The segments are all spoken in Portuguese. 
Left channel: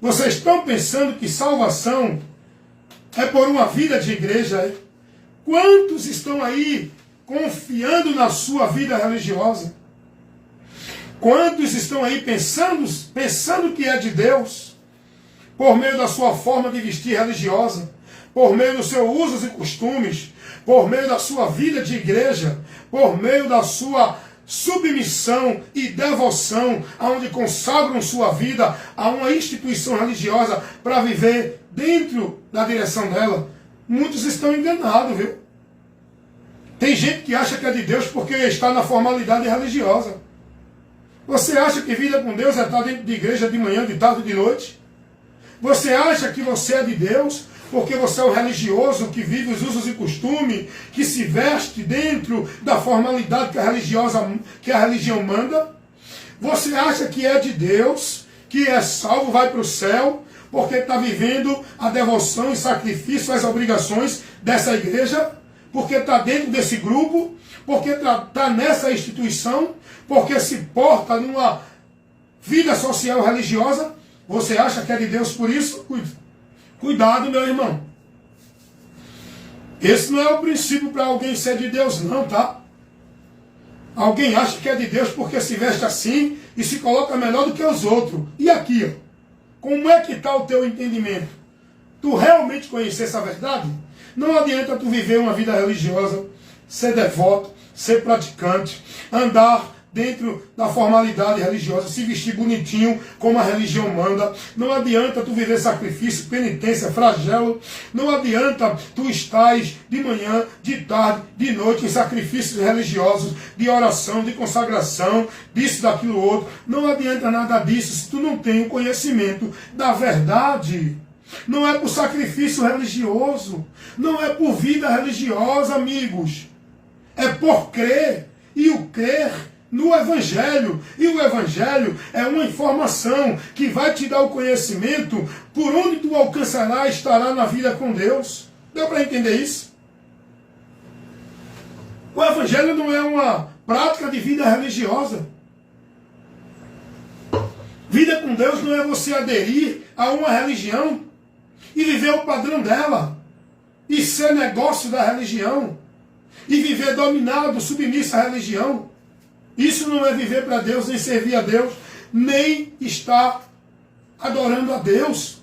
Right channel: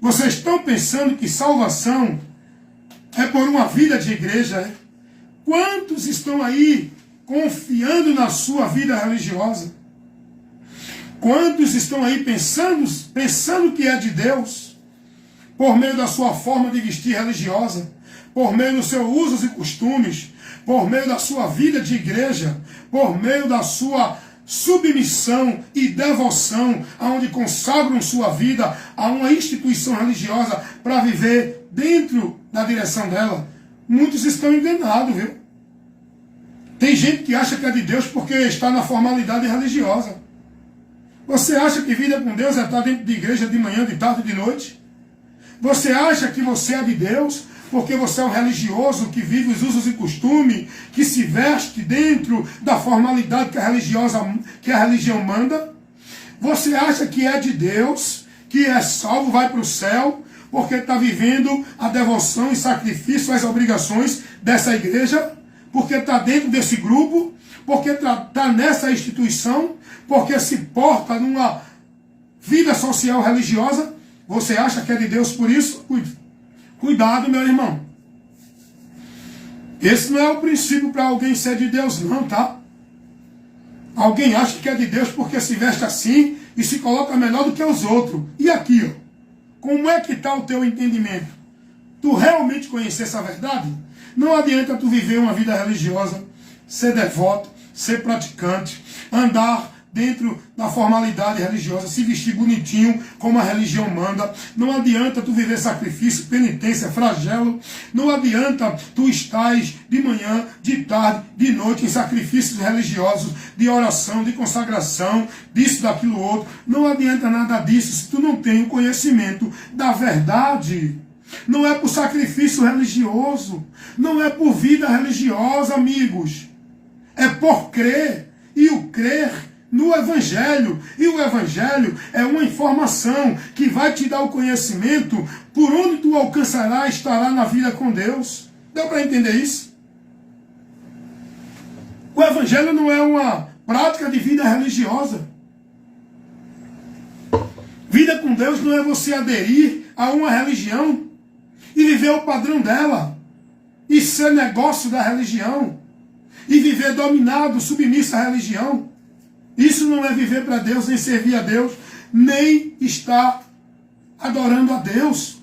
Vocês estão pensando que salvação é por uma vida de igreja? Quantos estão aí confiando na sua vida religiosa? Quantos estão aí pensando que é de Deus, por meio da sua forma de vestir religiosa, por meio dos seus usos e costumes, por meio da sua vida de igreja, por meio da sua submissão e devoção, aonde consagram sua vida a uma instituição religiosa para viver dentro da direção dela? Muitos estão enganados, viu? Tem gente que acha que é de Deus porque está na formalidade religiosa. Você acha que vida com Deus é estar dentro de igreja de manhã, de tarde e de noite? Você acha que você é de Deus porque você é um religioso que vive os usos e costumes, que se veste dentro da formalidade que a religião manda? Você acha que é de Deus, que é salvo, vai para o céu, porque está vivendo a devoção e sacrifício, as obrigações dessa igreja? Porque está dentro desse grupo? Porque está nessa instituição? Porque se porta numa vida social religiosa? Você acha que é de Deus por isso? Cuidado, meu irmão. Esse não é o princípio para alguém ser de Deus, não, tá? Alguém acha que é de Deus porque se veste assim e se coloca melhor do que os outros. E aqui, ó, como é que está o teu entendimento? Tu realmente conhecer essa verdade? Não adianta tu viver uma vida religiosa, ser devoto, ser praticante, andar dentro da formalidade religiosa, se vestir bonitinho como a religião manda. Não adianta tu viver sacrifício, penitência, flagelo. Não adianta tu estares de manhã, de tarde, de noite em sacrifícios religiosos, de oração, de consagração, disso, daquilo outro. Não adianta nada disso se tu não tem o conhecimento da verdade. Não é por sacrifício religioso, não é por vida religiosa, amigos. É por crer, e o crer no Evangelho. E o Evangelho é uma informação que vai te dar o conhecimento por onde tu alcançará, estará na vida com Deus. Deu para entender isso? O Evangelho não é uma prática de vida religiosa. Vida com Deus não é você aderir a uma religião e viver o padrão dela, e ser negócio da religião, e viver dominado, submisso à religião. Isso não é viver para Deus, nem servir a Deus, nem estar adorando a Deus.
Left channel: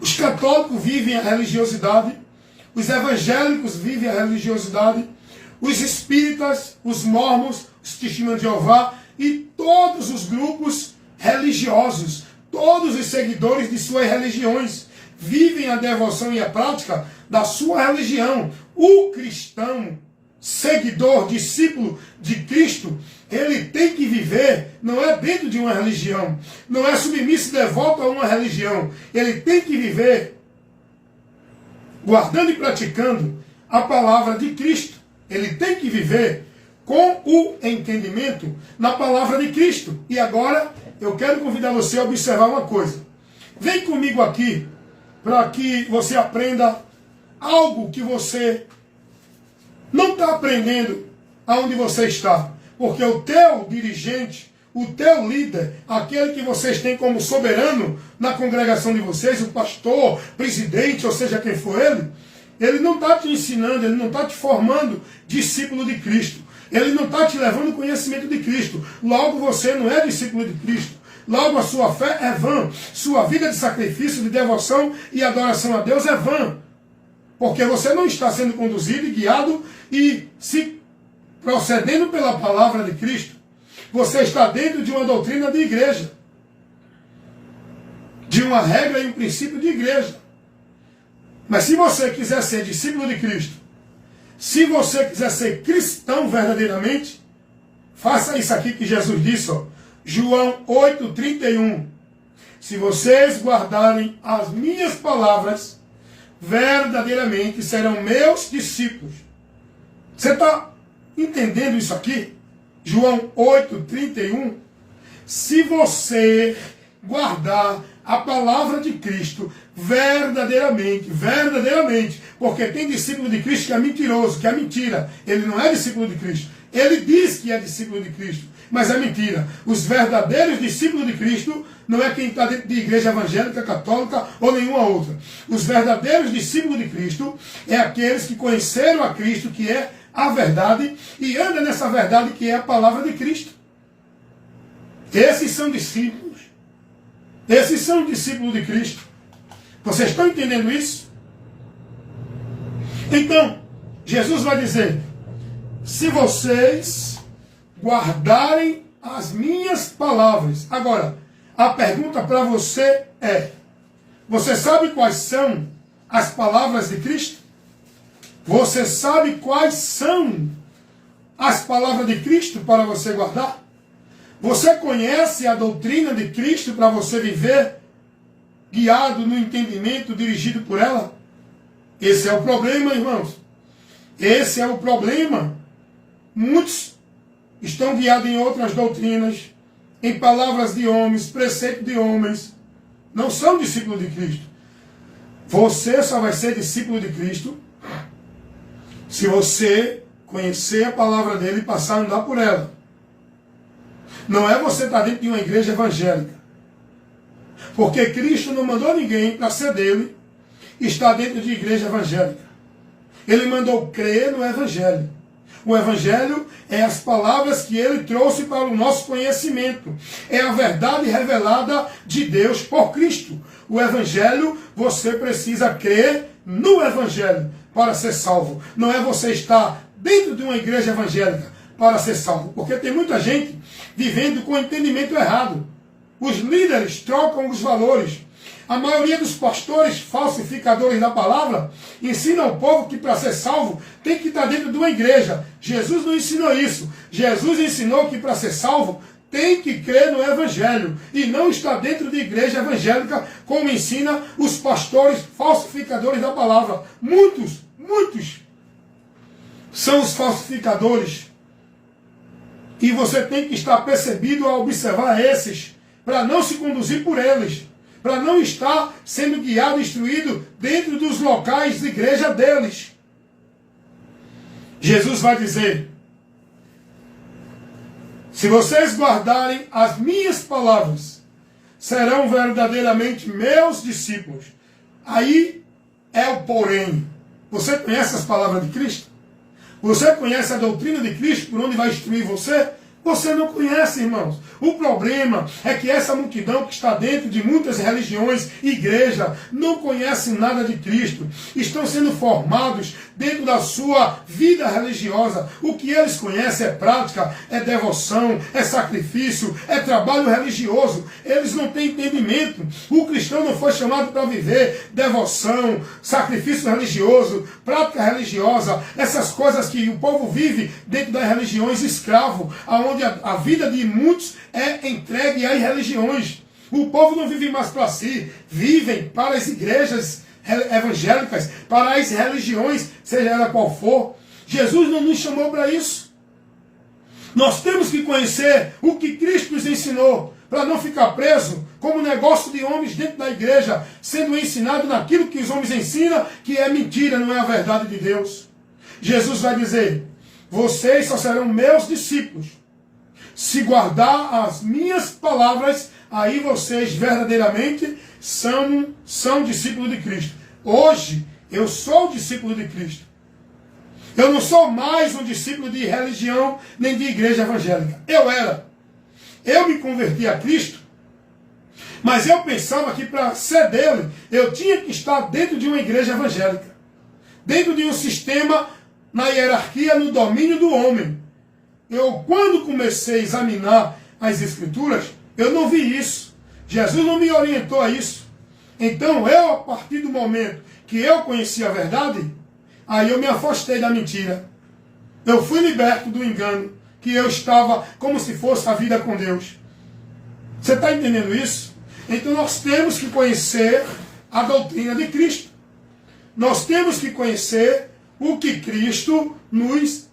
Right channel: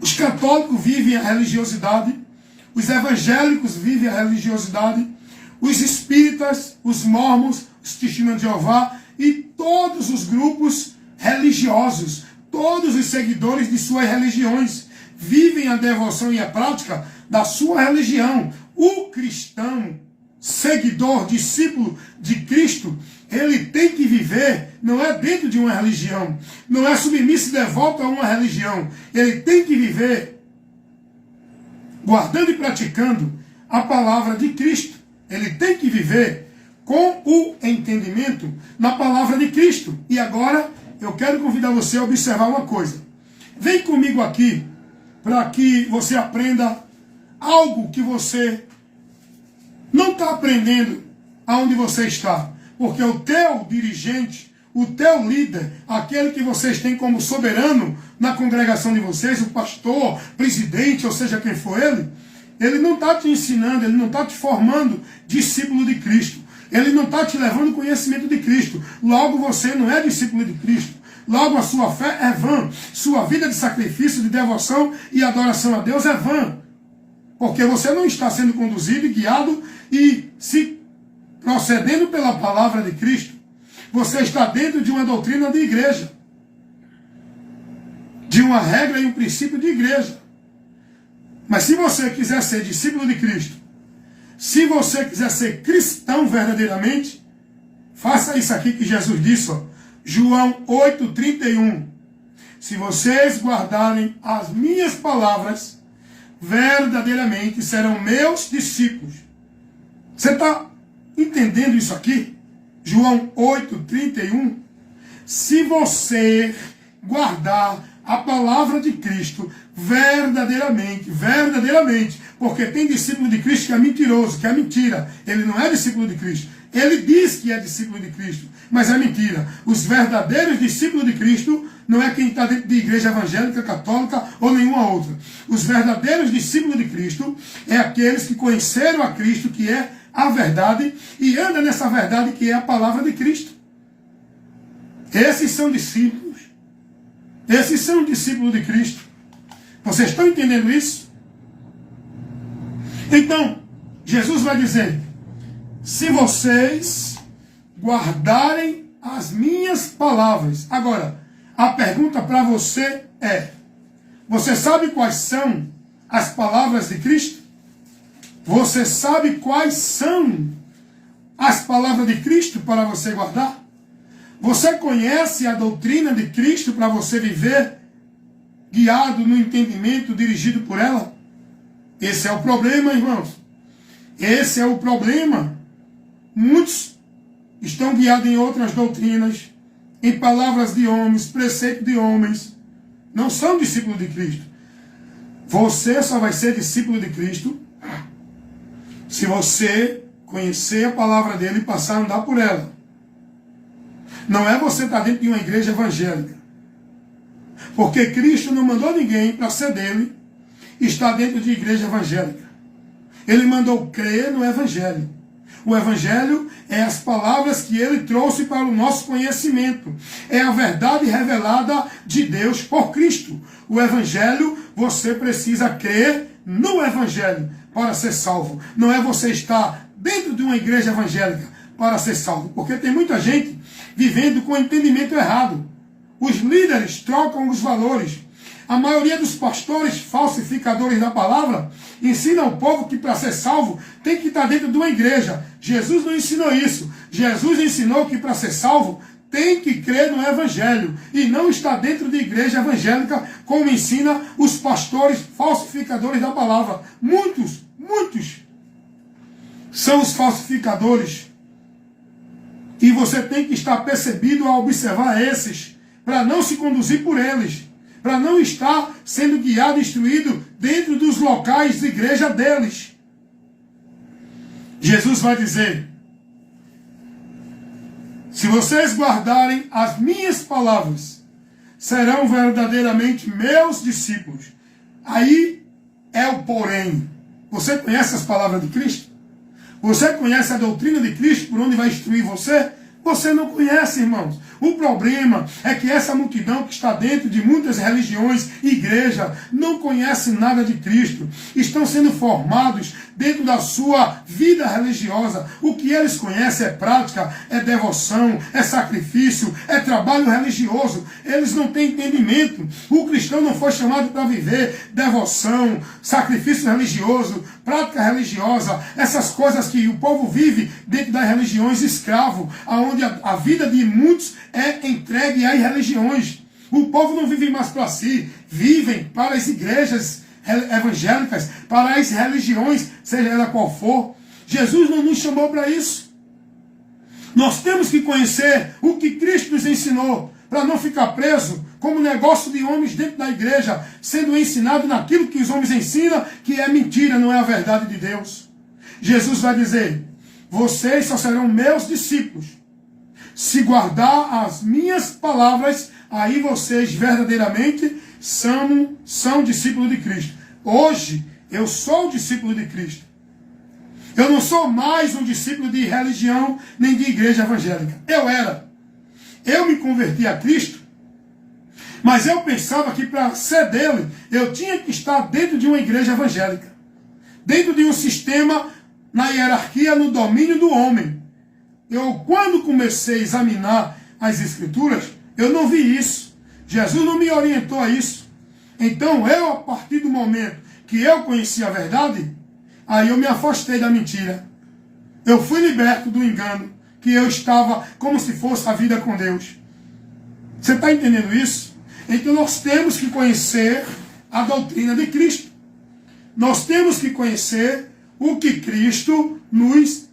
Os católicos vivem a religiosidade, os evangélicos vivem a religiosidade, os espíritas, os mormons, os testemunhos de Jeová e todos os grupos religiosos, todos os seguidores de suas religiões, vivem a devoção e a prática da sua religião. O cristão, seguidor, discípulo de Cristo, ele tem que viver, não é dentro de uma religião, não é submisso e devoto a uma religião. Ele tem que viver guardando e praticando a palavra de Cristo. Ele tem que viver com o entendimento na palavra de Cristo. E agora eu quero convidar você a observar uma coisa. Vem comigo aqui para que você aprenda algo que você não está aprendendo aonde você está. Porque o teu dirigente, o teu líder, aquele que vocês têm como soberano na congregação de vocês, o pastor, presidente, ou seja quem for ele não está te ensinando, ele não está te formando discípulo de Cristo. Ele não está te levando o conhecimento de Cristo. Logo você não é discípulo de Cristo. Logo a sua fé é vã. Sua vida de sacrifício, de devoção e adoração a Deus é vã. Porque você não está sendo conduzido e guiado e se procedendo pela palavra de Cristo. Você está dentro de uma doutrina de igreja. De uma regra e um princípio de igreja. Mas se você quiser ser discípulo de Cristo, se você quiser ser cristão verdadeiramente, faça isso aqui que Jesus disse, ó, João 8,31. Se vocês guardarem as minhas palavras, verdadeiramente serão meus discípulos. Você está entendendo isso aqui? João 8,31. Se você guardar a palavra de Cristo verdadeiramente, porque tem discípulo de Cristo que é mentiroso, que é mentira. Ele não é discípulo de Cristo. Ele diz que é discípulo de Cristo, mas é mentira. Os verdadeiros discípulos de Cristo não é quem está dentro de igreja evangélica, católica ou nenhuma outra. Os verdadeiros discípulos de Cristo é aqueles que conheceram a Cristo, que é a verdade, e andam nessa verdade que é a palavra de Cristo. Esses são discípulos. Esses são discípulos de Cristo. Vocês estão entendendo isso? Então, Jesus vai dizer: se vocês guardarem as minhas palavras. Agora, a pergunta para você é: você sabe quais são as palavras de Cristo? Você sabe quais são as palavras de Cristo para você guardar? Você conhece a doutrina de Cristo para você viver guiado no entendimento, dirigido por ela? Esse é o problema, irmãos. Esse é o problema. Muitos estão guiados em outras doutrinas, em palavras de homens, preceito de homens. Não são discípulos de Cristo. Você só vai ser discípulo de Cristo se você conhecer a palavra dele e passar a andar por ela. Não é você estar dentro de uma igreja evangélica. Porque Cristo não mandou ninguém para ser dele e estar dentro de igreja evangélica. Ele mandou crer no Evangelho. O Evangelho é as palavras que ele trouxe para o nosso conhecimento. É a verdade revelada de Deus por Cristo. O Evangelho, você precisa crer no Evangelho para ser salvo. Não é você estar dentro de uma igreja evangélica para ser salvo. Porque tem muita gente vivendo com entendimento errado. Os líderes trocam os valores. A maioria dos pastores falsificadores da palavra ensina ao povo que para ser salvo tem que estar dentro de uma igreja. Jesus não ensinou isso. Jesus ensinou que para ser salvo tem que crer no Evangelho e não estar dentro de igreja evangélica como ensina os pastores falsificadores da palavra. Muitos são os falsificadores. E você tem que estar percebido a observar esses para não se conduzir por eles. Para não estar sendo guiado e instruído dentro dos locais de igreja deles. Jesus vai dizer: se vocês guardarem as minhas palavras, serão verdadeiramente meus discípulos. Aí é o porém. Você conhece as palavras de Cristo? Você conhece a doutrina de Cristo por onde vai instruir você? Você não conhece, irmãos. O problema é que essa multidão que está dentro de muitas religiões e igrejas não conhece nada de Cristo. Estão sendo formados dentro da sua vida religiosa. O que eles conhecem é prática, é devoção, é sacrifício, é trabalho religioso. Eles não têm entendimento. O cristão não foi chamado para viver devoção, sacrifício religioso, prática religiosa, essas coisas que o povo vive dentro das religiões escravo, onde a vida de muitos é entregue às religiões. O povo não vive mais para si, vivem para as igrejas evangélicas, para as religiões, seja ela qual for. Jesus não nos chamou para isso. Nós temos que conhecer o que Cristo nos ensinou, para não ficar preso como negócio de homens dentro da igreja, sendo ensinado naquilo que os homens ensinam, que é mentira, não é a verdade de Deus. Jesus vai dizer: vocês só serão meus discípulos se guardar as minhas palavras. Aí vocês verdadeiramente são discípulos de Cristo. Hoje eu sou discípulo de Cristo. Eu não sou mais um discípulo de religião nem de igreja evangélica. Eu era. Eu me converti a Cristo, mas eu pensava que para ser dele eu tinha que estar dentro de uma igreja evangélica, dentro de um sistema, na hierarquia, no domínio do homem. Eu, quando comecei a examinar as Escrituras, eu não vi isso. Jesus não me orientou a isso. Então, eu, a partir do momento que eu conheci a verdade, aí eu me afastei da mentira. Eu fui liberto do engano, que eu estava como se fosse a vida com Deus. Você está entendendo isso? Então, nós temos que conhecer a doutrina de Cristo. Nós temos que conhecer o que Cristo nos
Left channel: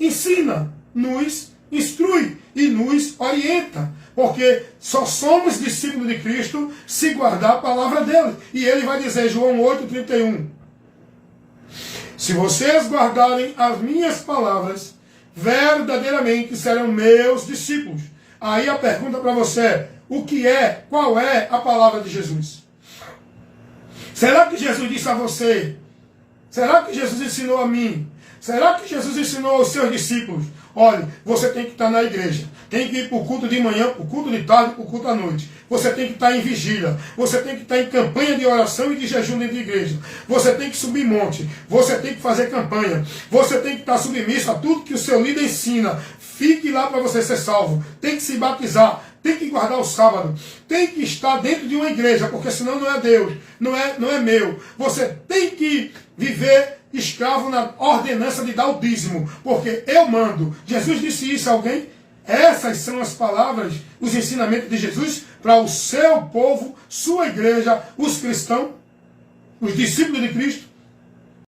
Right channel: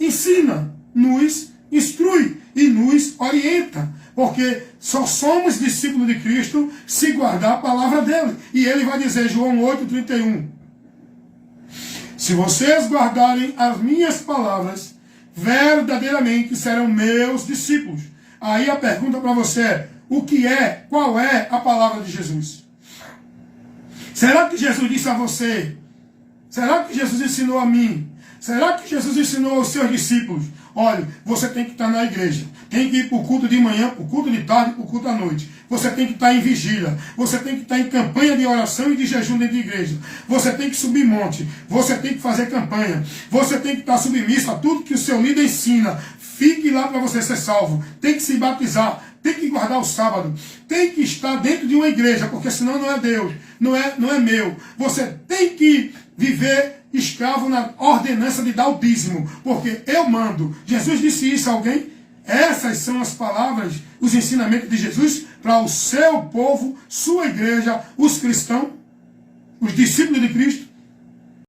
ensina, nos instrui e nos orienta. Porque só somos discípulos de Cristo se guardar a palavra dele. E ele vai dizer, João 8,31. Se vocês guardarem as minhas palavras, verdadeiramente serão meus discípulos. Aí a pergunta para você é, o que é, qual é a palavra de Jesus? Será que Jesus disse a você? Será que Jesus ensinou a mim? Será que Jesus ensinou aos seus discípulos? Olha, você tem que estar na igreja. Tem que ir para o culto de manhã, para o culto de tarde, para o culto à noite. Você tem que estar em vigília. Você tem que estar em campanha de oração e de jejum dentro da igreja. Você tem que subir monte. Você tem que fazer campanha. Você tem que estar submisso a tudo que o seu líder ensina. Fique lá para você ser salvo. Tem que se batizar. Tem que guardar o sábado. Tem que estar dentro de uma igreja, porque senão não é Deus. Não é meu. Você tem que viver escravo na ordenança de dar o dízimo, porque eu mando. Jesus disse isso a alguém? Essas são as palavras, os ensinamentos de Jesus para o seu povo, sua igreja, os cristãos, os discípulos de Cristo.